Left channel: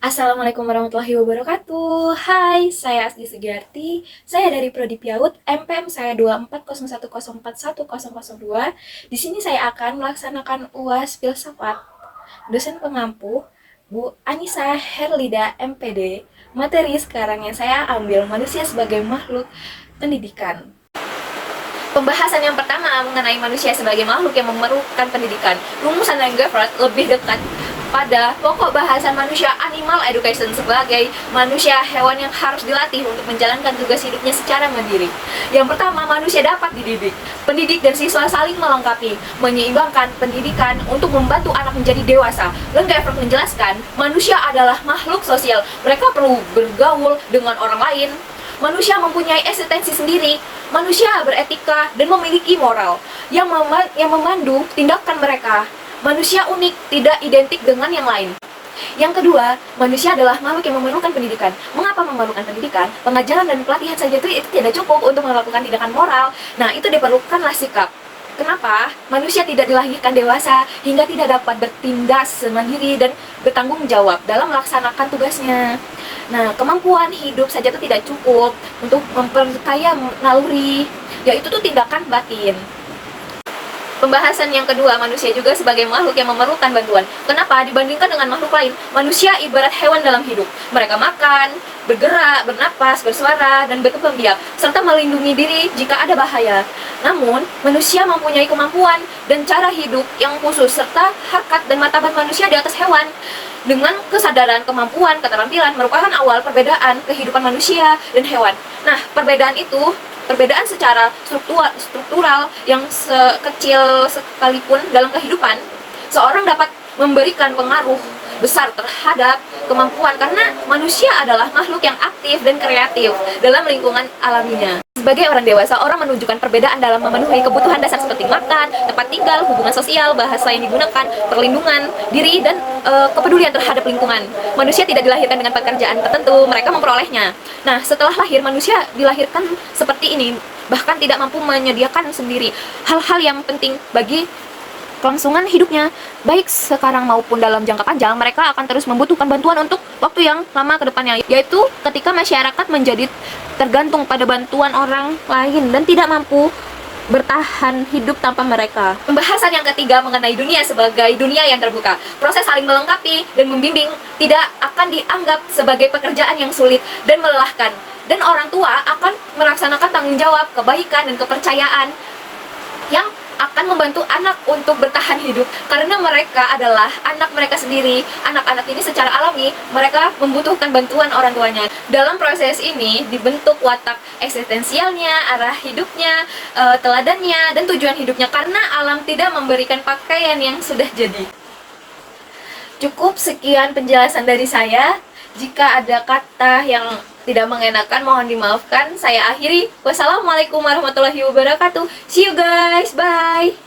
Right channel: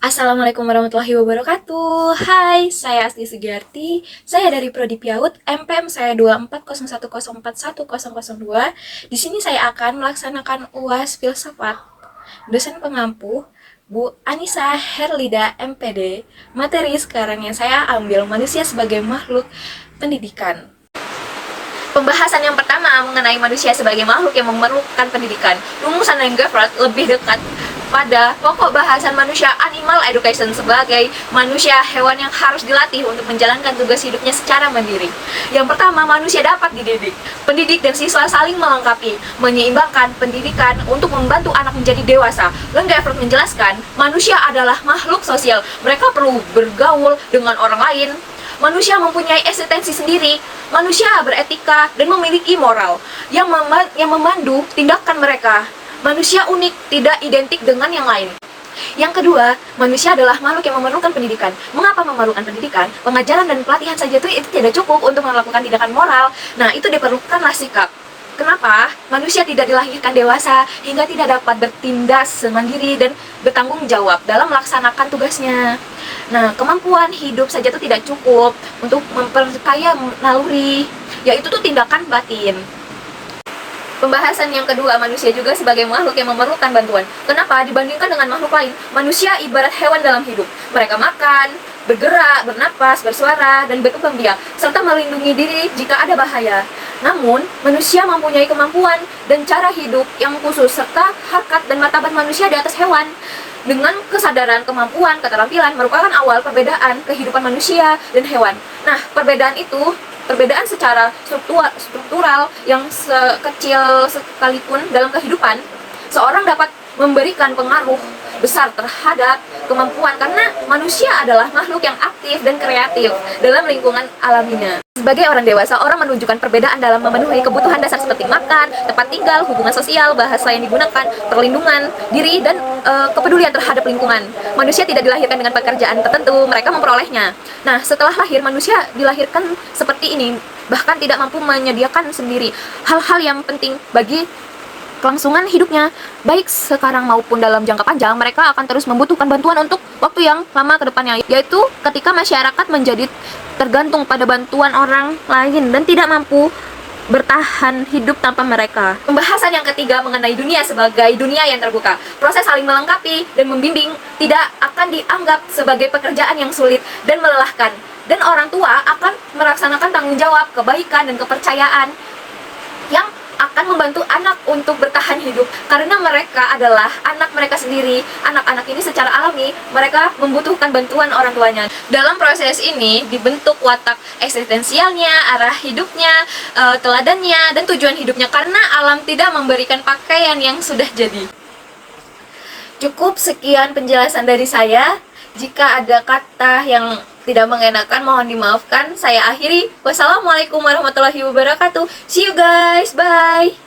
Assalamualaikum warahmatullahi wabarakatuh. Hai, saya Asti Sugiarti. Saya dari Prodi PIAUD, MPM saya 2401041002. Di sini saya akan melaksanakan UAS Filsafat. Dosen pengampu Bu Anissa Herlida MPD. Materi sekarang yang saya ambil manusia sebagai makhluk pendidikan. Pembahasan yang pertama mengenai manusia sebagai makhluk yang memerlukan pendidikan. Rumusan dan Goffard lebih dekat pada pokok bahasan manusia animal education sebagai manusia hewan yang harus dilatih untuk menjalankan tugas hidupnya secara mandiri. Yang pertama, manusia dapat dididik. Pendidik dan siswa saling melengkapi, menyeimbangkan pendidikan untuk membantu anak menjadi dewasa. Goffard menjelaskan, manusia adalah makhluk sosial. Mereka perlu bergaul dengan orang lain. Manusia mempunyai eksistensi sendiri. Manusia beretika dan memiliki moral yang memandu tindakan mereka. Manusia unik, tidak identik dengan yang lain. Yang kedua, manusia adalah makhluk yang memerlukan pendidikan. Mengapa memerlukan pendidikan? Pengajaran dan pelatihan saja itu tidak cukup untuk melakukan tindakan moral. Nah, itu diperlukanlah sikap. Kenapa? Manusia tidak dilahirkan dewasa hingga tidak dapat bertindak semandiri dan bertanggung jawab dalam melaksanakan tugasnya. Nah, kemampuan hidup saja itu tidak cukup untuk memperkaya naluri, yaitu tuh tindakan batin. Pembahasan yang kedua, manusia juga sebagai makhluk yang memerlukan bantuan. Kenapa? Dibandingkan dengan makhluk lain, manusia ibarat hewan dalam hidup. Mereka makan, bergerak, bernapas, bersuara, dan berkembang biak, serta melindungi diri jika ada bahaya. Namun, manusia mempunyai kemampuan dan cara hidup yang khusus, serta harkat dan martabat manusia di atas hewan. Dengan kesadaran, kemampuan, keterampilan merupakan awal perbedaan kehidupan manusia dan hewan. Nah, perbedaan secara struktural yang sekecil sekalipun dalam kehidupan, seorang dapat memberikan pengaruh besar terhadap kemampuan karena manusia adalah makhluk yang aktif dan kreatif dalam lingkungan alaminya. Sebagai orang dewasa, orang menunjukkan perbedaan dalam memenuhi kebutuhan dasar seperti makan, tempat tinggal, hubungan sosial, bahasa yang digunakan, perlindungan diri, dan kepedulian terhadap lingkungan. Manusia tidak dilahirkan dengan pekerjaan tertentu, mereka memperolehnya. Nah, setelah lahir, manusia dilahirkan seperti ini, bahkan tidak mampu menyediakan sendiri hal-hal yang penting bagi kelangsungan hidupnya, baik sekarang maupun dalam jangka panjang. Mereka akan terus membutuhkan bantuan untuk waktu yang lama ke depannya, yaitu ketika masyarakat menjadi tergantung pada bantuan orang lain dan tidak mampu bertahan hidup tanpa mereka. Pembahasan yang ketiga mengenai dunia sebagai dunia yang terbuka. Proses saling melengkapi dan membimbing tidak akan dianggap sebagai pekerjaan yang sulit dan melelahkan, dan orang tua akan melaksanakan tanggung jawab, kebaikan, dan kepercayaan yang akan membantu anak untuk bertahan hidup karena mereka adalah anak mereka sendiri. Anak-anak ini secara alami mereka membutuhkan bantuan orang tuanya. Dalam proses ini dibentuk watak eksistensialnya, arah hidupnya, teladannya, dan tujuan hidupnya karena alam tidak memberikan pakaian yang sudah jadi. Cukup sekian penjelasan dari saya. Jika ada kata yang tidak mengenakan, mohon dimaafkan. Saya akhiri. Wassalamualaikum warahmatullahi wabarakatuh. See you guys. Bye.